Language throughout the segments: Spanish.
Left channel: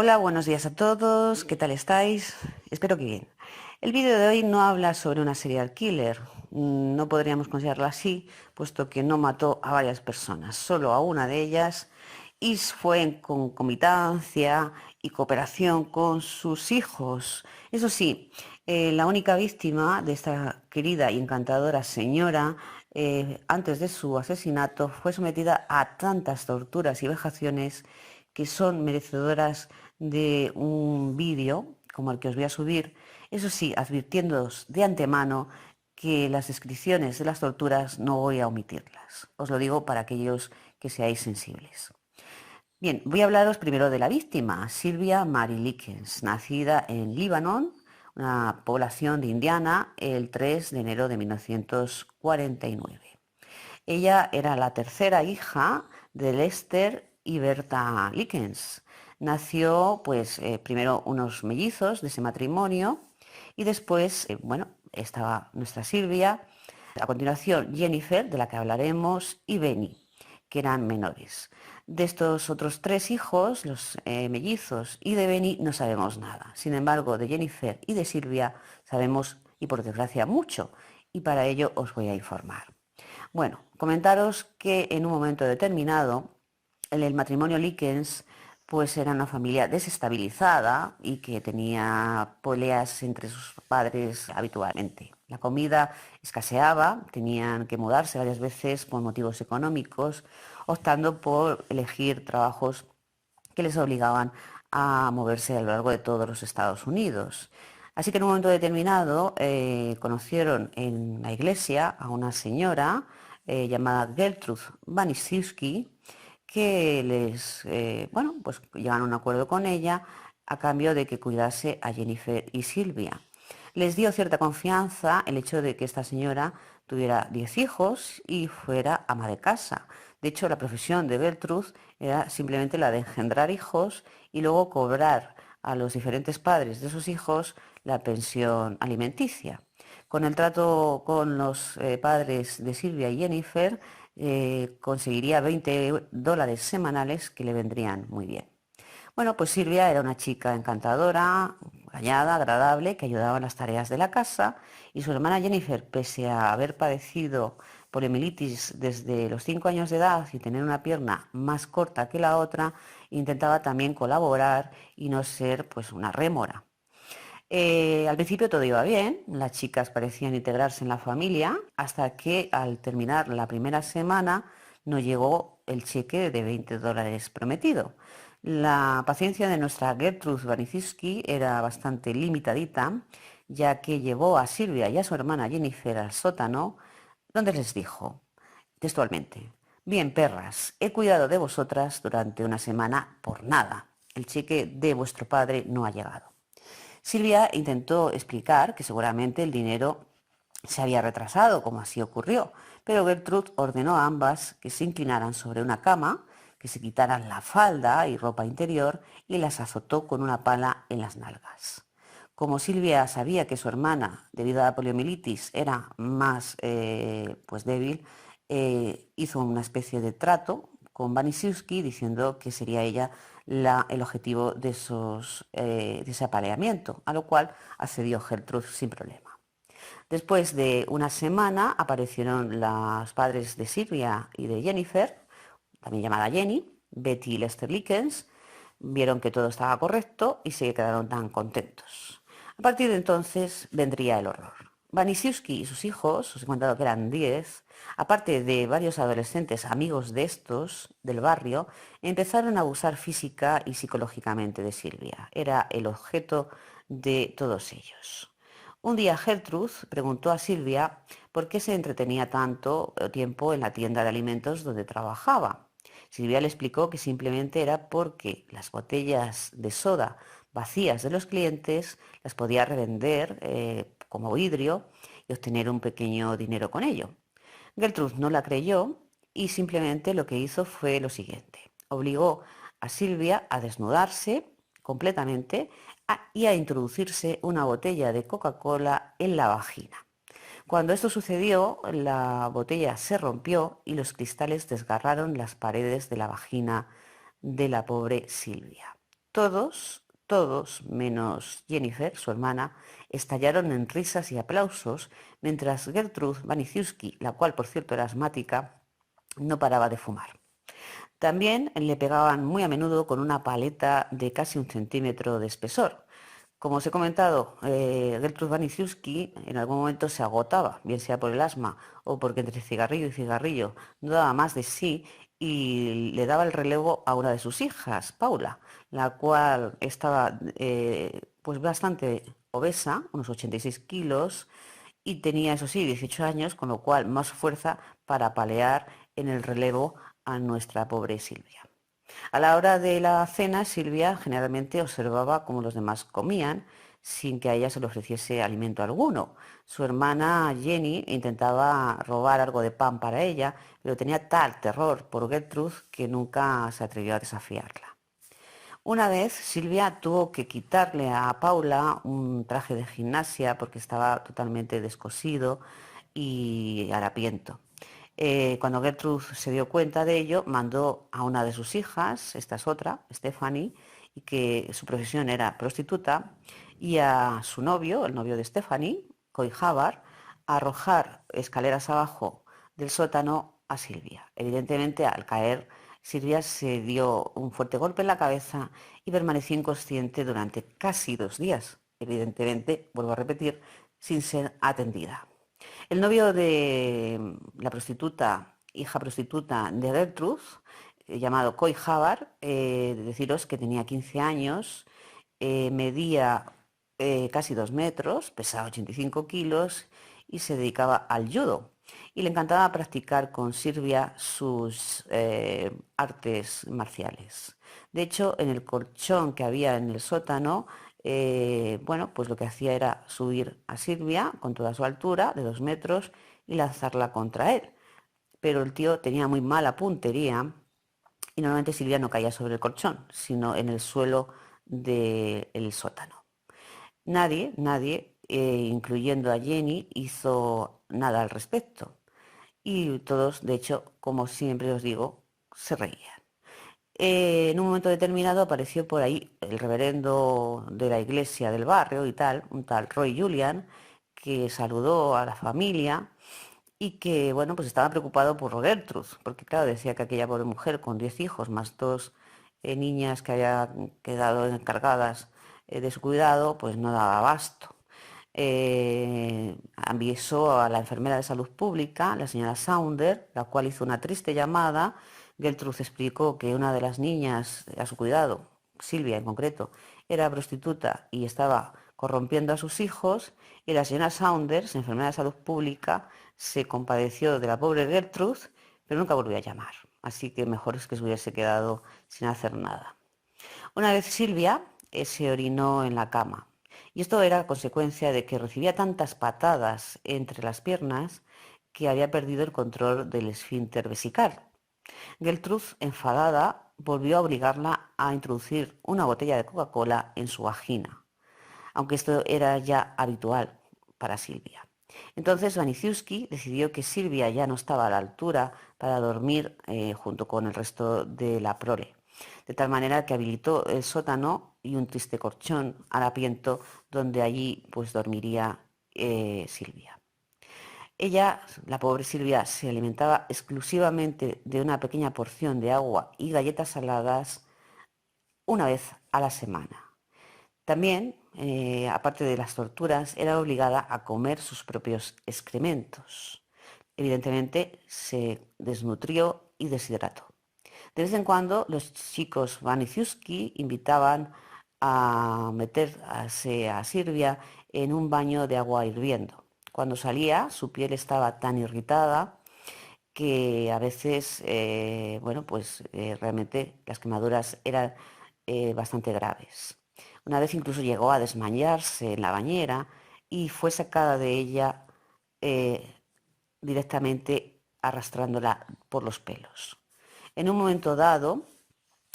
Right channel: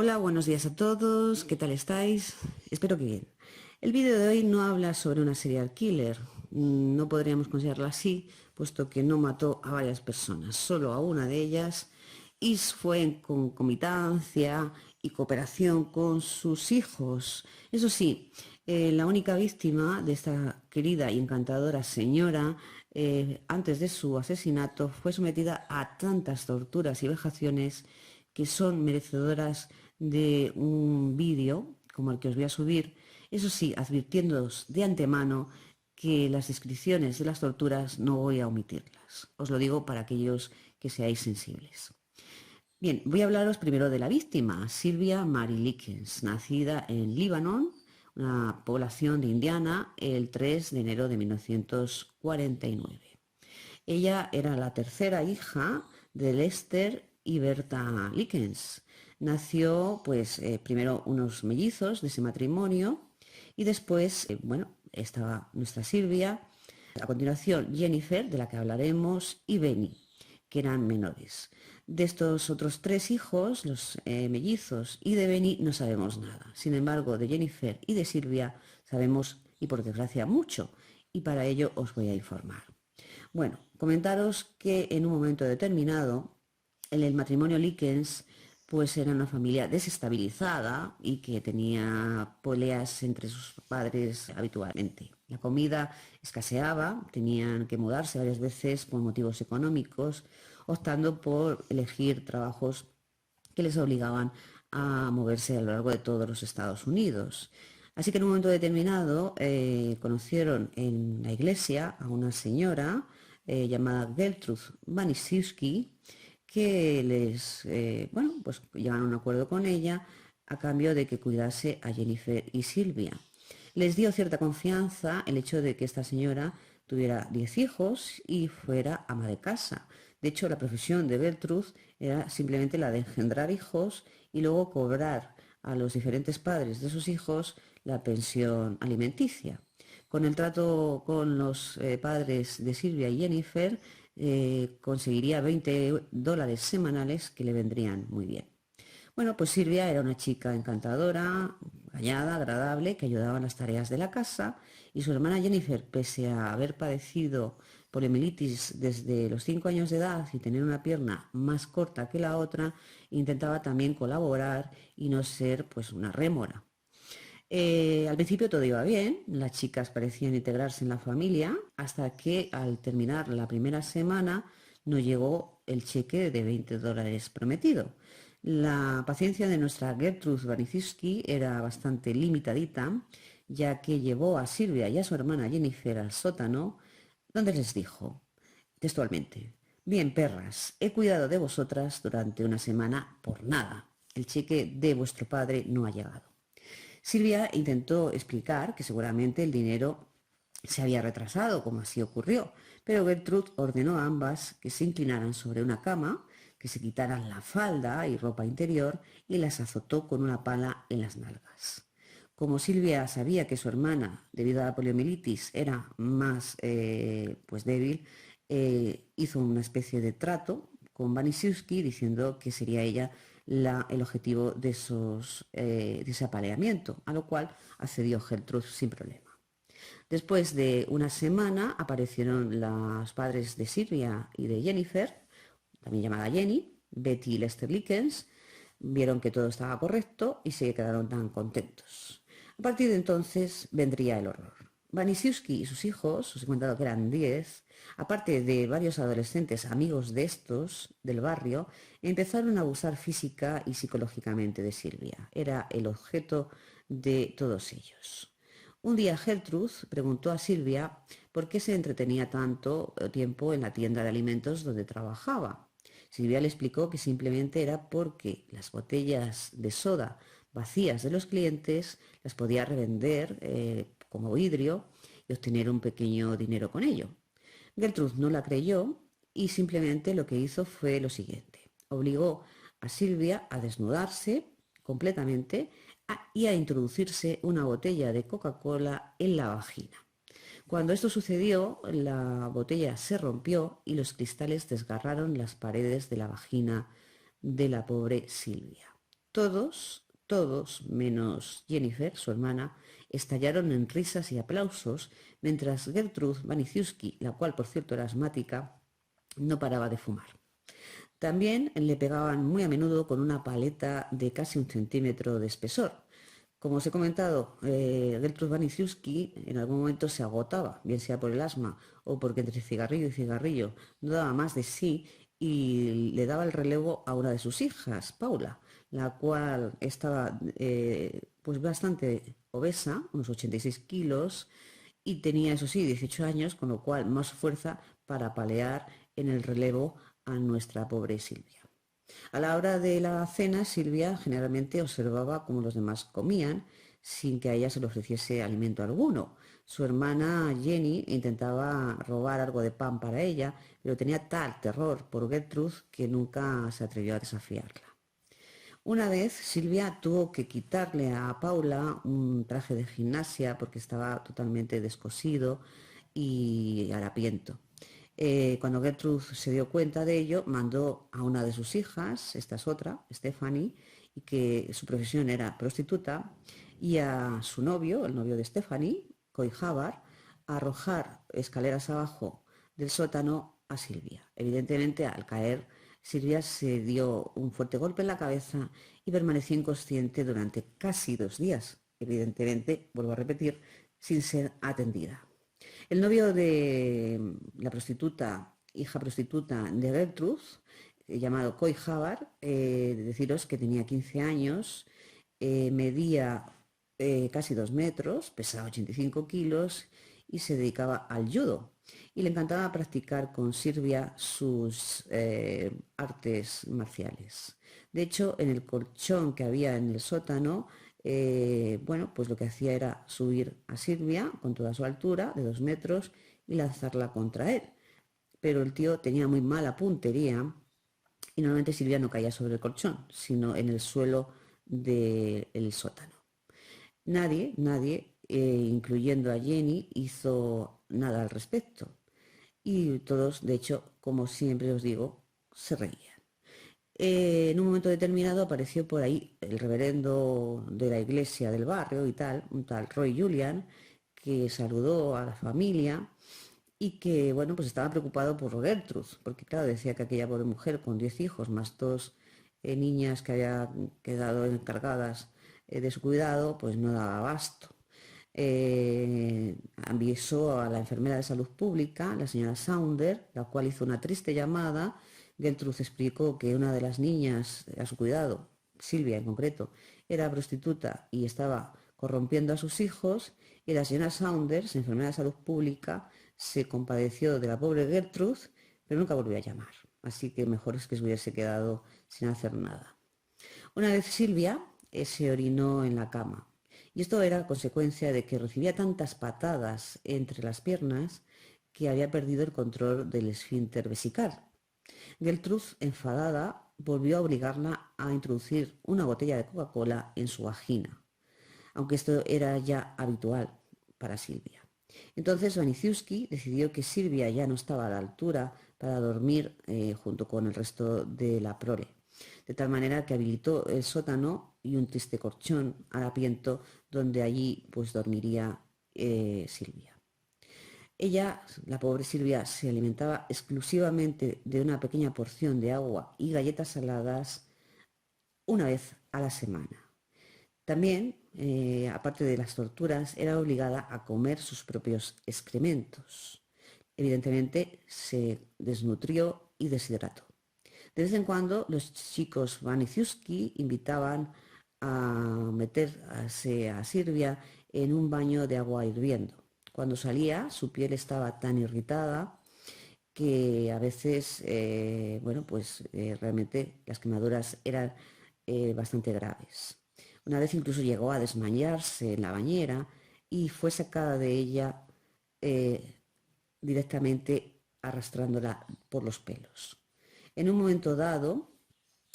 Hola, buenos días a todos. ¿Qué tal estáis? Espero que bien. El vídeo de hoy no habla sobre una serial killer. No podríamos considerarla así, puesto que no mató a varias personas, solo a una de ellas, y fue en concomitancia y cooperación con sus hijos. Eso sí, la única víctima de esta querida y encantadora señora, antes de su asesinato, fue sometida a tantas torturas y vejaciones que son merecedoras de un vídeo como el que os voy a subir, eso sí, advirtiéndoos de antemano que las descripciones de las torturas no voy a omitirlas. Os lo digo para aquellos que seáis sensibles. Bien, voy a hablaros primero de la víctima, Sylvia Mary Likens, nacida en Líbano, una población de Indiana, el 3 de enero de 1949. Ella era la tercera hija de Lester y Berta Likens. Nació, pues, primero unos mellizos de ese matrimonio y después, estaba nuestra Silvia. A continuación, Jennifer, de la que hablaremos, y Benny, que eran menores. De estos otros tres hijos, los mellizos y de Benny, no sabemos nada. Sin embargo, de Jennifer y de Silvia sabemos, y por desgracia, mucho, y para ello os voy a informar. Bueno, comentaros que en un momento determinado el matrimonio Likens pues era una familia desestabilizada y que tenía peleas entre sus padres habitualmente. La comida escaseaba, tenían que mudarse varias veces por motivos económicos, optando por elegir trabajos que les obligaban a moverse a lo largo de todos los Estados Unidos. Así que en un momento determinado conocieron en la iglesia a una señora llamada Gertrude Banisiewski, que pues llegaron a un acuerdo con ella a cambio de que cuidase a Jennifer y Silvia. Les dio cierta confianza el hecho de que esta señora tuviera 10 hijos y fuera ama de casa. De hecho, la profesión de Gertrude era simplemente la de engendrar hijos y luego cobrar a los diferentes padres de sus hijos la pensión alimenticia. Con el trato con los padres de Silvia y Jennifer, conseguiría $20 semanales que le vendrían muy bien. Bueno, pues Silvia era una chica encantadora, callada, agradable, que ayudaba en las tareas de la casa, y su hermana Jennifer, pese a haber padecido poliomielitis desde los 5 años de edad y tener una pierna más corta que la otra, intentaba también colaborar y no ser pues una rémora. Al principio todo iba bien, las chicas parecían integrarse en la familia, hasta que al terminar la primera semana no llegó el cheque de $20 prometido. La paciencia de nuestra Gertrude Banisiewski era bastante limitadita, ya que llevó a Silvia y a su hermana Jennifer al sótano, donde les dijo textualmente: bien, perras, he cuidado de vosotras durante una semana por nada. El cheque de vuestro padre no ha llegado. Silvia intentó explicar que seguramente el dinero se había retrasado, como así ocurrió, pero Gertrude ordenó a ambas que se inclinaran sobre una cama, que se quitaran la falda y ropa interior y las azotó con una pala en las nalgas. Como Silvia sabía que su hermana, debido a la poliomielitis, era más débil, hizo una especie de trato con Banisiewski diciendo que sería ella el objetivo de ese apaleamiento, a lo cual accedió Gertrude sin problema. Después de una semana aparecieron los padres de Silvia y de Jennifer, también llamada Jenny, Betty y Lester Likens, vieron que todo estaba correcto y se quedaron tan contentos. A partir de entonces vendría el horror. Banisiewski y sus hijos, os he contado que eran 10, aparte de varios adolescentes amigos de estos, del barrio, empezaron a abusar física y psicológicamente de Silvia. Era el objeto de todos ellos. Un día Gertrude preguntó a Silvia por qué se entretenía tanto tiempo en la tienda de alimentos donde trabajaba. Silvia le explicó que simplemente era porque las botellas de soda vacías de los clientes las podía revender como vidrio y obtener un pequeño dinero con ello. Gertrude no la creyó y simplemente lo que hizo fue lo siguiente: obligó a Silvia a desnudarse completamente y a introducirse una botella de Coca-Cola en la vagina. Cuando esto sucedió, la botella se rompió y los cristales desgarraron las paredes de la vagina de la pobre Silvia. Todos, menos Jennifer, su hermana, estallaron en risas y aplausos, mientras Gertrude Waniciuski, la cual por cierto era asmática, no paraba de fumar. También le pegaban muy a menudo con una paleta de casi 1 centímetro de espesor. Como os he comentado, Gertrude Waniciuski en algún momento se agotaba, bien sea por el asma o porque entre cigarrillo y cigarrillo no daba más de sí, y le daba el relevo a una de sus hijas, Paula, la cual estaba pues bastante obesa, unos 86 kilos, y tenía, eso sí, 18 años, con lo cual más fuerza para palear en el relevo a nuestra pobre Silvia. A la hora de la cena, Silvia generalmente observaba cómo los demás comían sin que a ella se le ofreciese alimento alguno. Su hermana Jenny intentaba robar algo de pan para ella, pero tenía tal terror por Gertrude que nunca se atrevió a desafiarla. Una vez Silvia tuvo que quitarle a Paula un traje de gimnasia porque estaba totalmente descosido y harapiento. Cuando Gertrude se dio cuenta de ello, mandó a una de sus hijas, esta es otra, Stephanie, y que su profesión era prostituta, y a su novio, el novio de Stephanie, Coy Havard, a arrojar escaleras abajo del sótano a Silvia. Evidentemente, al caer, Silvia se dio un fuerte golpe en la cabeza y permaneció inconsciente durante casi 2 días. Evidentemente, vuelvo a repetir, sin ser atendida. El novio de la prostituta, hija prostituta de Gertrude, llamado Coy Havard, deciros que tenía 15 años, medía casi 2 metros, pesaba 85 kilos y se dedicaba al judo. Y le encantaba practicar con Silvia sus artes marciales. De hecho, en el colchón que había en el sótano, bueno, pues lo que hacía era subir a Silvia con toda su altura, de 2 metros, y lanzarla contra él. Pero el tío tenía muy mala puntería y normalmente Silvia no caía sobre el colchón, sino en el suelo del sótano. Nadie, incluyendo a Jenny, hizo nada al respecto. Y todos, de hecho, como siempre os digo, se reían. En un momento determinado apareció por ahí el reverendo de la iglesia del barrio y tal, un tal Roy Julian, que saludó a la familia y que, bueno, pues estaba preocupado por Gertrude, porque claro, decía que aquella pobre mujer con 10 hijos, más 2 niñas que había quedado encargadas de su cuidado, pues no daba abasto. Avisó a la enfermera de salud pública, la señora Saunders, la cual hizo una triste llamada. Gertrude explicó que una de las niñas a su cuidado, Silvia en concreto, era prostituta y estaba corrompiendo a sus hijos, y la señora Saunders, enfermera de salud pública, se compadeció de la pobre Gertrude, pero nunca volvió a llamar. Así que mejor es que se hubiese quedado sin hacer nada. Una vez Silvia se orinó en la cama. Y esto era consecuencia de que recibía tantas patadas entre las piernas que había perdido el control del esfínter vesical. Gertrude, enfadada, volvió a obligarla a introducir una botella de Coca-Cola en su vagina, aunque esto era ya habitual para Silvia. Entonces Waniciuski decidió que Silvia ya no estaba a la altura para dormir junto con el resto de la prole, de tal manera que habilitó el sótano y un triste colchón harapiento donde allí pues dormiría Silvia. Ella, la pobre Silvia, se alimentaba exclusivamente de una pequeña porción de agua y galletas saladas una vez a la semana. También, aparte de las torturas, era obligada a comer sus propios excrementos. Evidentemente, se desnutrió y deshidrató. De vez en cuando, los chicos Waniciuski invitaban a meterse a Silvia en un baño de agua hirviendo. Cuando salía, su piel estaba tan irritada que a veces, bueno, pues realmente las quemaduras eran bastante graves. Una vez incluso llegó a desmayarse en la bañera y fue sacada de ella directamente arrastrándola por los pelos. En un momento dado,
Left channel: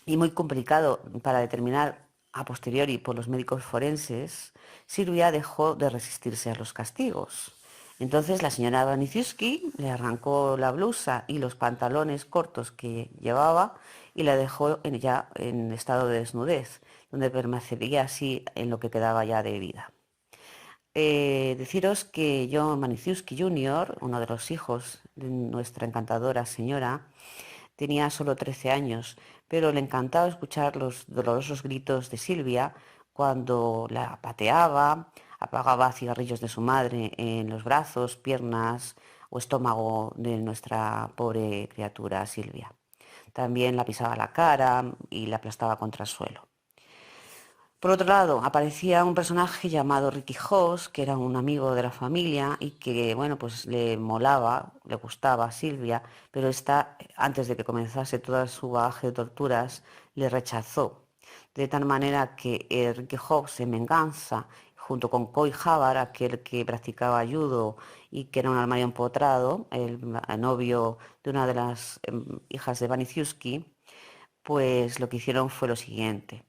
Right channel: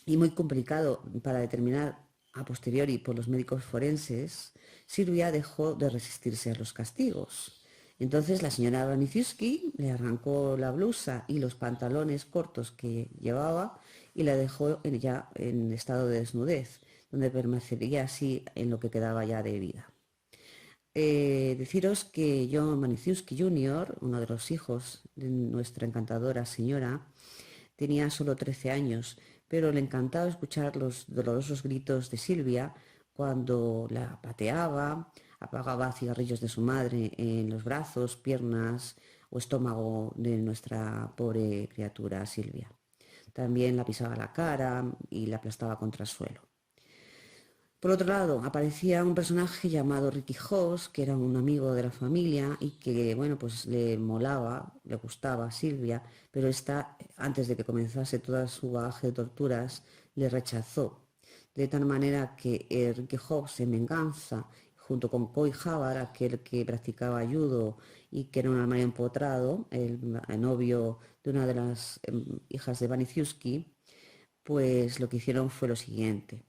y muy complicado para determinar a posteriori por los médicos forenses, Silvia dejó de resistirse a los castigos. Entonces la señora Waniciuski le arrancó la blusa y los pantalones cortos que llevaba y la dejó ya en estado de desnudez, donde permanecería así en lo que quedaba ya de vida. Deciros que John Maniszewski Jr., uno de los hijos de nuestra encantadora señora, tenía solo 13 años, pero le encantaba escuchar los dolorosos gritos de Silvia cuando la pateaba, apagaba cigarrillos de su madre en los brazos, piernas o estómago de nuestra pobre criatura Silvia. También la pisaba la cara y la aplastaba contra el suelo. Por otro lado, aparecía un personaje llamado Ricky Hobbs, que era un amigo de la familia y que, bueno, pues le molaba, le gustaba a Silvia, pero esta, antes de que comenzase toda su bagaje de torturas, le rechazó. De tal manera que Ricky Hobbs, en venganza, junto con Coy Havard, aquel que practicaba judo y que era un armario empotrado, el novio de una de las hijas de Maniszewski, pues lo que hicieron fue lo siguiente.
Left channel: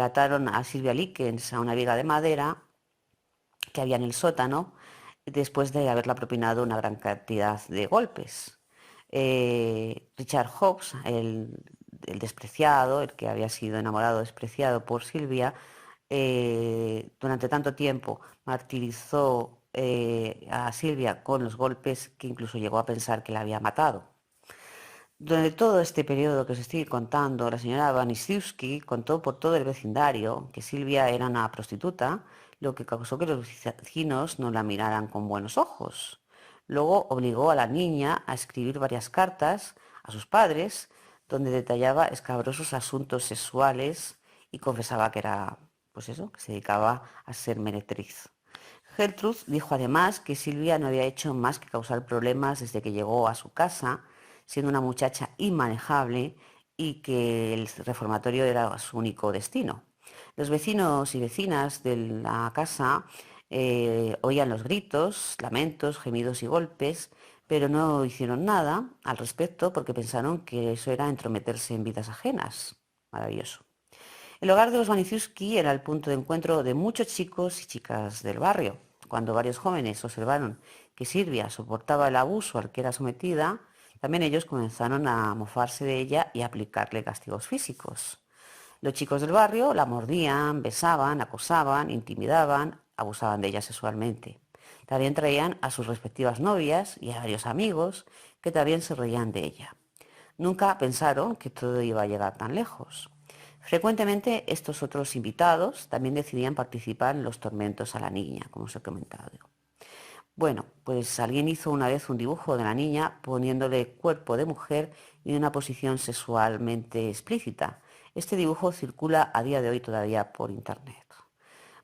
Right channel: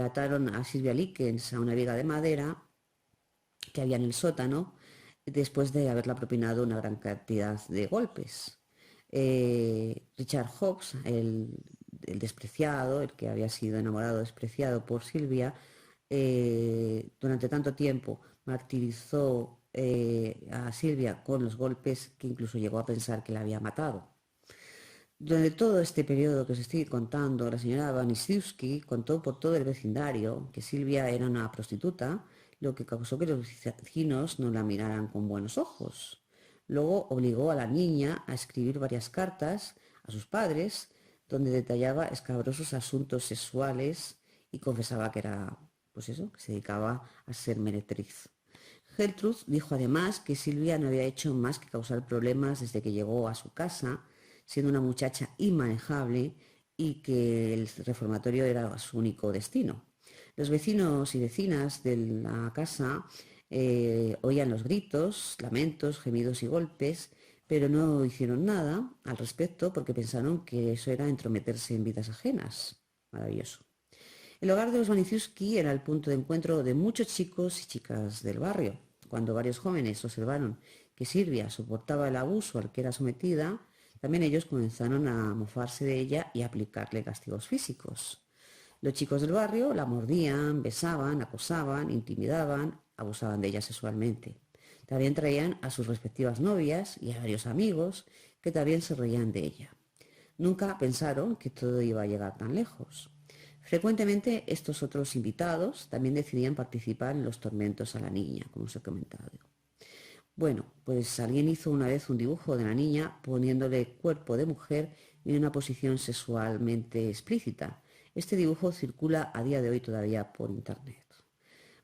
Ataron a Silvia Likens a una viga de madera que había en el sótano después de haberla propinado una gran cantidad de golpes. Richard Hobbs, el despreciado, el que había sido enamorado, despreciado por Silvia, durante tanto tiempo martirizó a Silvia con los golpes que incluso llegó a pensar que la había matado. Durante todo este periodo que os estoy contando, la señora Maniszewski contó por todo el vecindario que Silvia era una prostituta, lo que causó que los vecinos no la miraran con buenos ojos. Luego obligó a la niña a escribir varias cartas a sus padres donde detallaba escabrosos asuntos sexuales y confesaba que era, pues eso, que se dedicaba a ser meretriz. Gertrude dijo además que Silvia no había hecho más que causar problemas desde que llegó a su casa, siendo una muchacha inmanejable y que el reformatorio era su único destino. Los vecinos y vecinas de la casa oían los gritos, lamentos, gemidos y golpes, pero no hicieron nada al respecto porque pensaron que eso era entrometerse en vidas ajenas. Maravilloso. El hogar de los Maniszewski era el punto de encuentro de muchos chicos y chicas del barrio. Cuando varios jóvenes observaron que Silvia soportaba el abuso al que era sometida, también ellos comenzaron a mofarse de ella y a aplicarle castigos físicos. Los chicos del barrio la mordían, besaban, acosaban, intimidaban, abusaban de ella sexualmente. También traían a sus respectivas novias y a varios amigos que también se reían de ella. Nunca pensaron que todo iba a llegar tan lejos. Frecuentemente estos otros invitados también decidían participar en los tormentos a la niña, como os he comentado. Bueno, pues alguien hizo una vez un dibujo de la niña poniéndole cuerpo de mujer y en una posición sexualmente explícita. Este dibujo circula a día de hoy todavía por internet.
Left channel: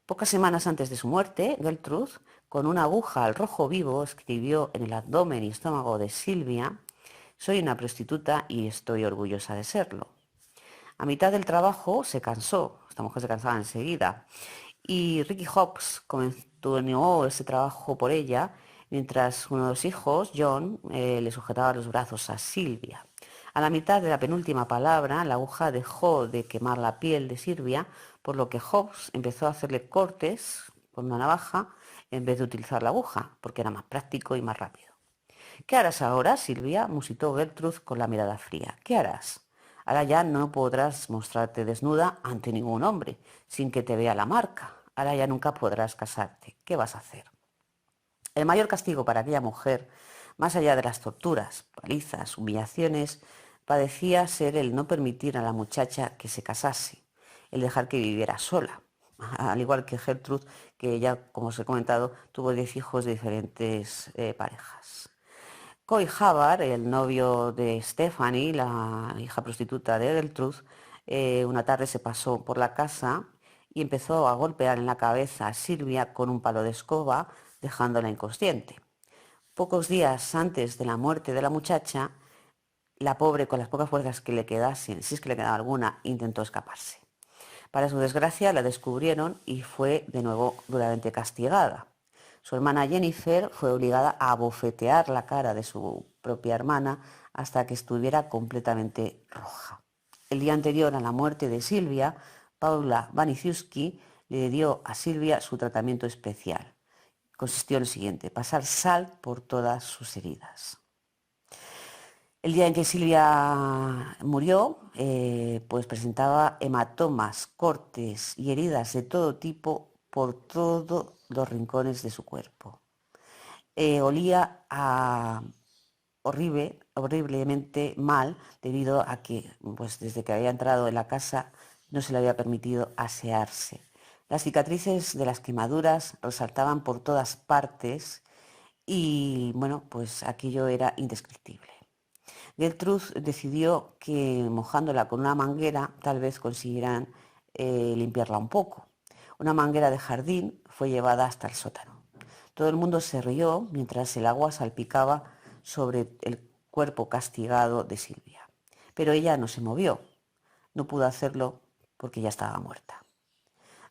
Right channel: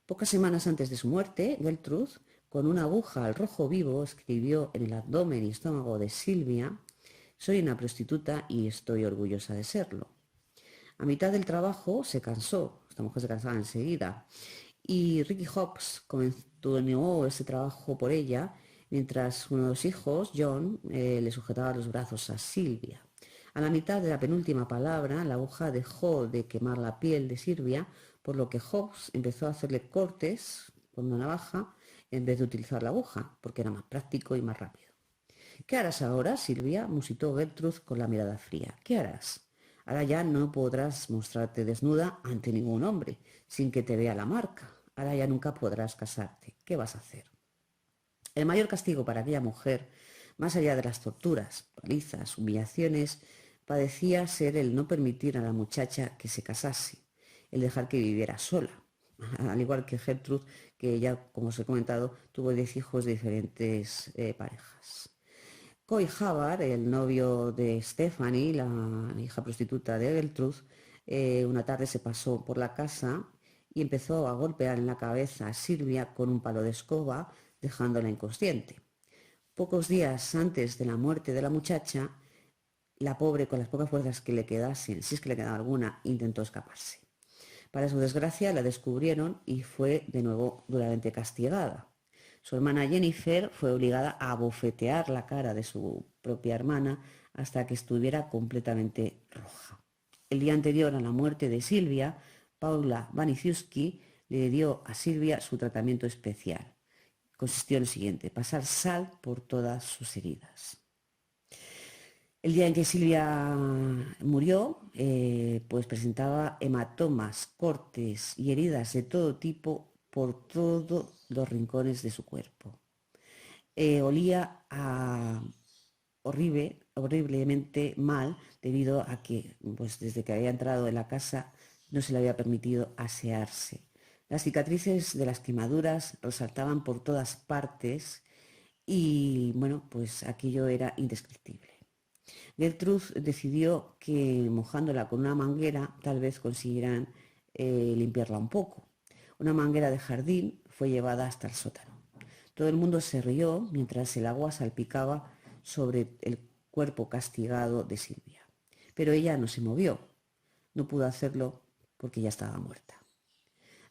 Pocas semanas antes de su muerte, Gertrude, con una aguja al rojo vivo, escribió en el abdomen y estómago de Silvia: «Soy una prostituta y estoy orgullosa de serlo». A mitad del trabajo se cansó, esta mujer se cansaba enseguida, y Ricky Hobbs continuó ese trabajo por ella, mientras uno de los hijos, John, le sujetaba los brazos a Silvia. A la mitad de la penúltima palabra, la aguja dejó de quemar la piel de Silvia, por lo que Hobbs empezó a hacerle cortes con una navaja en vez de utilizar la aguja, porque era más práctico y más rápido. «¿Qué harás ahora, Silvia?», musitó Gertrude con la mirada fría. «¿Qué harás? Ahora ya no podrás mostrarte desnuda ante ningún hombre, sin que te vea la marca. Ahora ya nunca podrás casarte. ¿Qué vas a hacer?». El mayor castigo para aquella mujer, más allá de las torturas, palizas, humillaciones, parecía ser el no permitir a la muchacha que se casase, el dejar que viviera sola. Al igual que Gertrude, que ya, como os he comentado, tuvo 10 hijos de diferentes parejas. Coy Havard, el novio de Stephanie, la hija prostituta de Gertrude, una tarde se pasó por la casa y empezó a golpear en la cabeza a Silvia con un palo de escoba, dejándola inconsciente. Pocos días antes de la muerte de la muchacha, la pobre, con las pocas fuerzas que le quedasen, si es que le quedaba alguna, intentó escaparse. Para su desgracia, la descubrieron y fue de nuevo duramente castigada. Su hermana Jennifer fue obligada a abofetear la cara de su propia hermana hasta que estuviera completamente roja. El día anterior a la muerte de Silvia, Paula Maniszewski le dio a Silvia su tratamiento especial. Consistió en lo siguiente: pasar sal por todas sus heridas. El día en que Silvia murió, pues presentaba hematomas, cortes y heridas de todo tipo por todos los rincones de su cuerpo. Olía a horriblemente mal debido a que pues, desde que había entrado en la casa no se le había permitido asearse. Las cicatrices de las quemaduras resaltaban por todas partes y bueno, pues aquello era indescriptible. Gertrude decidió que mojándola con una manguera tal vez consiguieran limpiarla un poco. Una manguera de jardín fue llevada hasta el sótano. Todo el mundo se rió mientras el agua salpicaba sobre el cuerpo castigado de Silvia. Pero ella no se movió. No pudo hacerlo porque ya estaba muerta.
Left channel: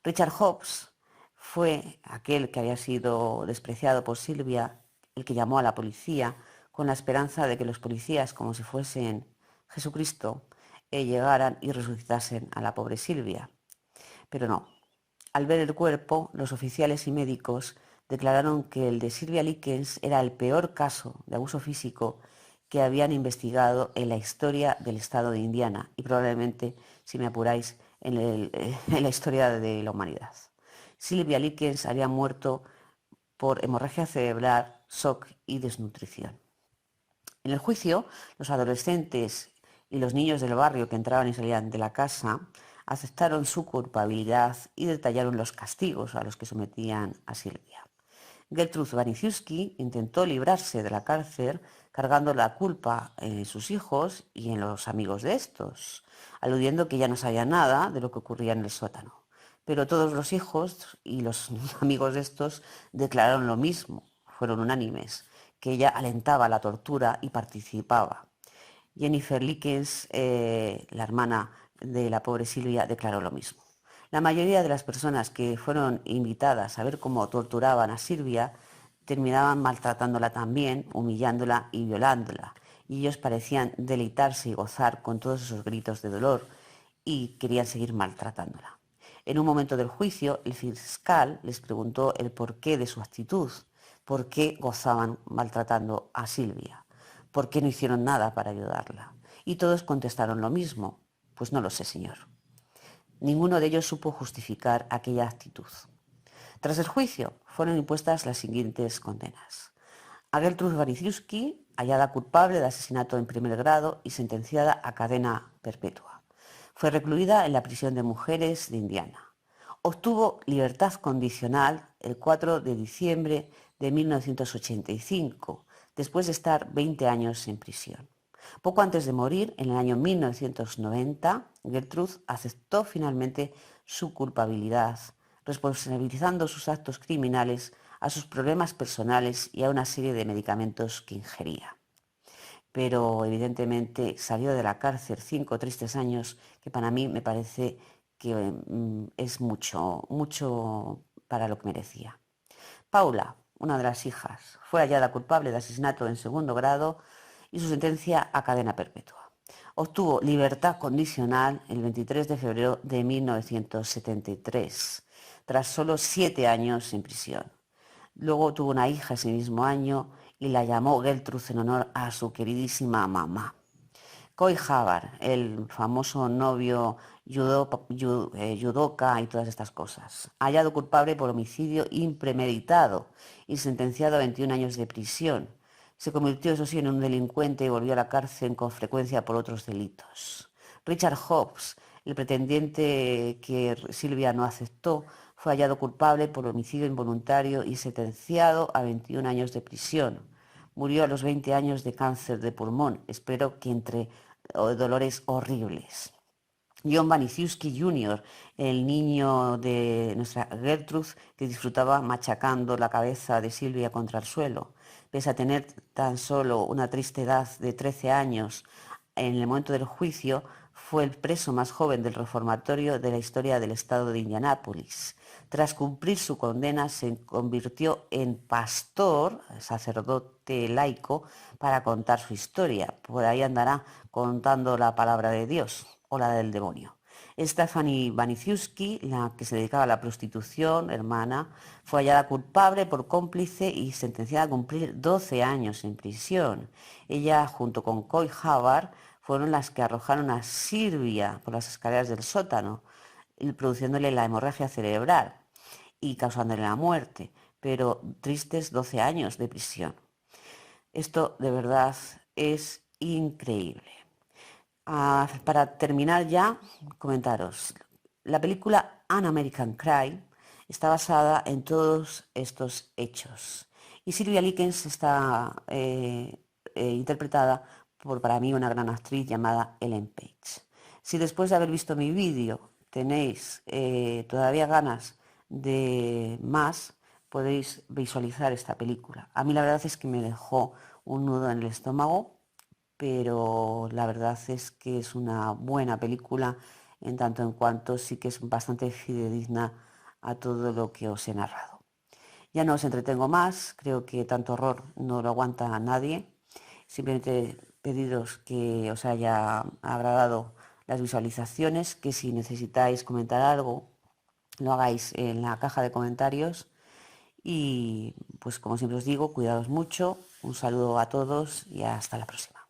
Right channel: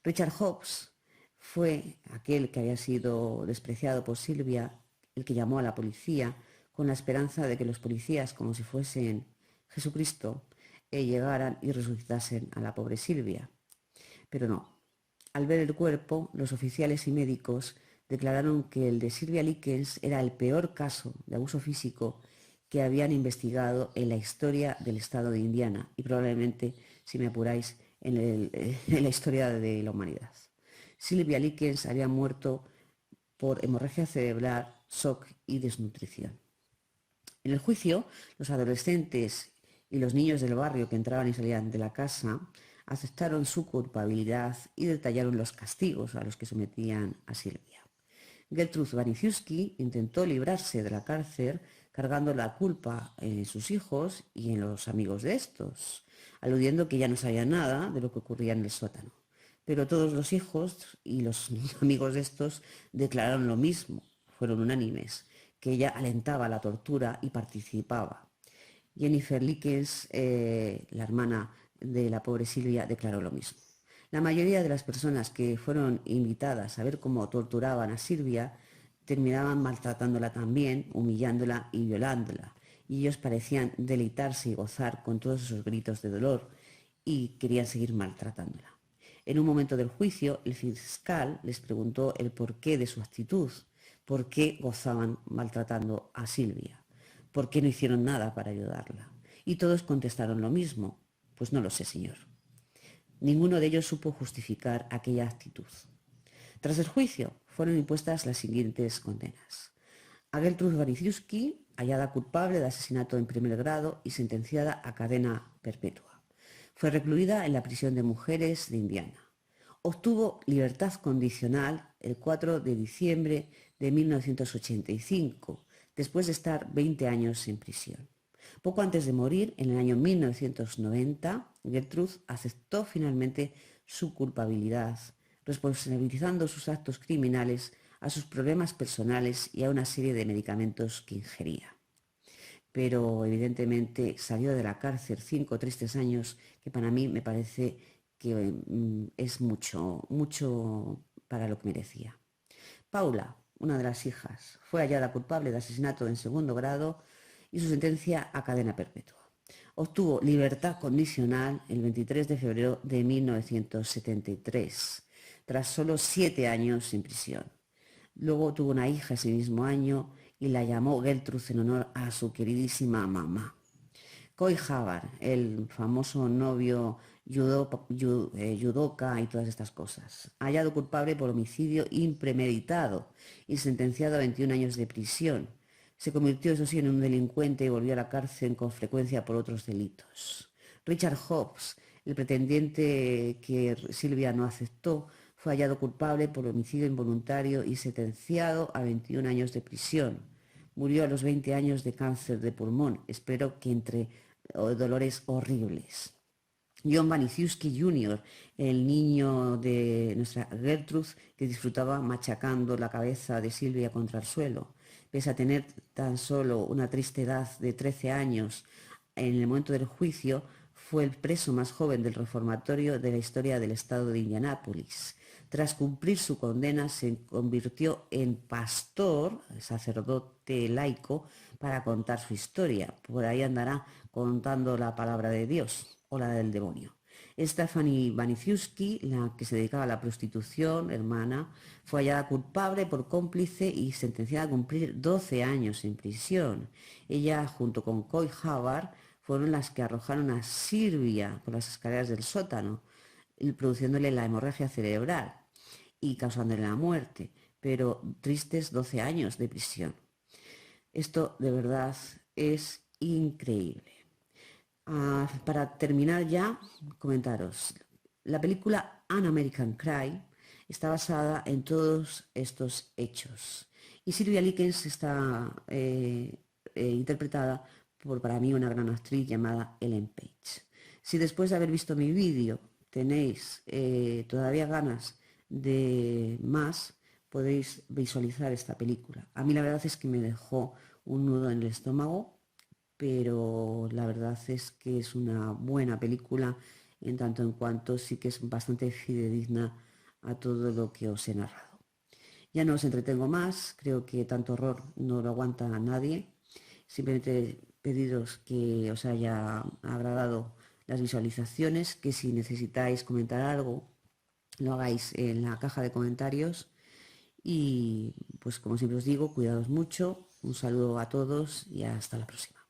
Richard Hobbs fue aquel que había sido despreciado por Silvia, el que llamó a la policía con la esperanza de que los policías, como si fuesen Jesucristo, llegaran y resucitasen a la pobre Silvia. Pero no. Al ver el cuerpo, los oficiales y médicos declararon que el de Silvia Likens era el peor caso de abuso físico que habían investigado en la historia del estado de Indiana y probablemente, si me apuráis, en la historia de la humanidad. Silvia Likens había muerto por hemorragia cerebral, shock y desnutrición. En el juicio, los adolescentes y los niños del barrio que entraban y salían de la casa aceptaron su culpabilidad y detallaron los castigos a los que sometían a Silvia. Gertrude Waniciuski intentó librarse de la cárcel cargando la culpa en sus hijos y en los amigos de estos, aludiendo que ya no sabía nada de lo que ocurría en el sótano. Pero todos los hijos y los amigos de estos declararon lo mismo, fueron unánimes, que ella alentaba la tortura y participaba. Jennifer Likens, la hermana de la pobre Silvia, declaró lo mismo. La mayoría de las personas que fueron invitadas a ver cómo torturaban a Silvia terminaban maltratándola también, humillándola y violándola. Y ellos parecían deleitarse y gozar con todos esos gritos de dolor y querían seguir maltratándola. En un momento del juicio, el fiscal les preguntó el porqué de su actitud, por qué gozaban maltratando a Silvia, por qué no hicieron nada para ayudarla. Y todos contestaron lo mismo, pues no lo sé, señor. Ninguno de ellos supo justificar aquella actitud. Tras el juicio, fueron impuestas las siguientes condenas. A Gertrude Waniciuski, hallada culpable de asesinato en primer grado y sentenciada a cadena perpetua. Fue recluida en la prisión de mujeres de Indiana. Obtuvo libertad condicional el 4 de diciembre de 1985, después de estar 20 años en prisión. Poco antes de morir, en el año 1990, Gertrude aceptó finalmente su culpabilidad, responsabilizando sus actos criminales a sus problemas personales y a una serie de medicamentos que ingería. Pero evidentemente salió de la cárcel 5 tristes años, que para mí me parece que es mucho para lo que merecía. Paula, una de las hijas, fue hallada culpable de asesinato en segundo grado y su sentencia a cadena perpetua. Obtuvo libertad condicional el 23 de febrero de 1973, tras solo 7 años en prisión. Luego tuvo una hija ese mismo año y la llamó Gertrude en honor a su queridísima mamá. Coy Havard, el famoso novio judoka y todas estas cosas, hallado culpable por homicidio impremeditado y sentenciado a 21 años de prisión. Se convirtió, eso sí, en un delincuente y volvió a la cárcel con frecuencia por otros delitos. Richard Hobbs, el pretendiente que Silvia no aceptó, fue hallado culpable por homicidio involuntario y sentenciado a 21 años de prisión. Murió a los 20 años de cáncer de pulmón, espero que entre dolores horribles. John Waniciuski Jr., el niño de nuestra Gertrude, que disfrutaba machacando la cabeza de Silvia contra el suelo. Pese a tener tan solo una triste edad de 13 años, en el momento del juicio fue el preso más joven del reformatorio de la historia del estado de Indianápolis. Tras cumplir su condena, se convirtió en pastor, sacerdote laico, para contar su historia. Por ahí andará contando la palabra de Dios o la del demonio. Stephanie Baniciuski, la que se dedicaba a la prostitución, hermana, fue hallada culpable por cómplice y sentenciada a cumplir 12 años en prisión. Ella, junto con Coy Havard, fueron las que arrojaron a Silvia por las escaleras del sótano, produciéndole la hemorragia cerebral y causándole la muerte, pero tristes 12 años de prisión. Esto de verdad es increíble. Para terminar ya, comentaros. La película An American Crime está basada en todos estos hechos. Y Sylvia Likens está interpretada por, para mí, una gran actriz llamada Ellen Page. Si después de haber visto mi vídeo tenéis todavía ganas de más, podéis visualizar esta película. A mí la verdad es que me dejó un nudo en el estómago, pero la verdad es que es una buena película en tanto en cuanto sí que es bastante fidedigna a todo lo que os he narrado. Ya no os entretengo más, creo que tanto horror no lo aguanta a nadie. Simplemente pediros que os haya agradado las visualizaciones, que si necesitáis comentar algo, lo hagáis en la caja de comentarios. Y pues como siempre os digo, cuidaos mucho, un saludo a todos y hasta la próxima.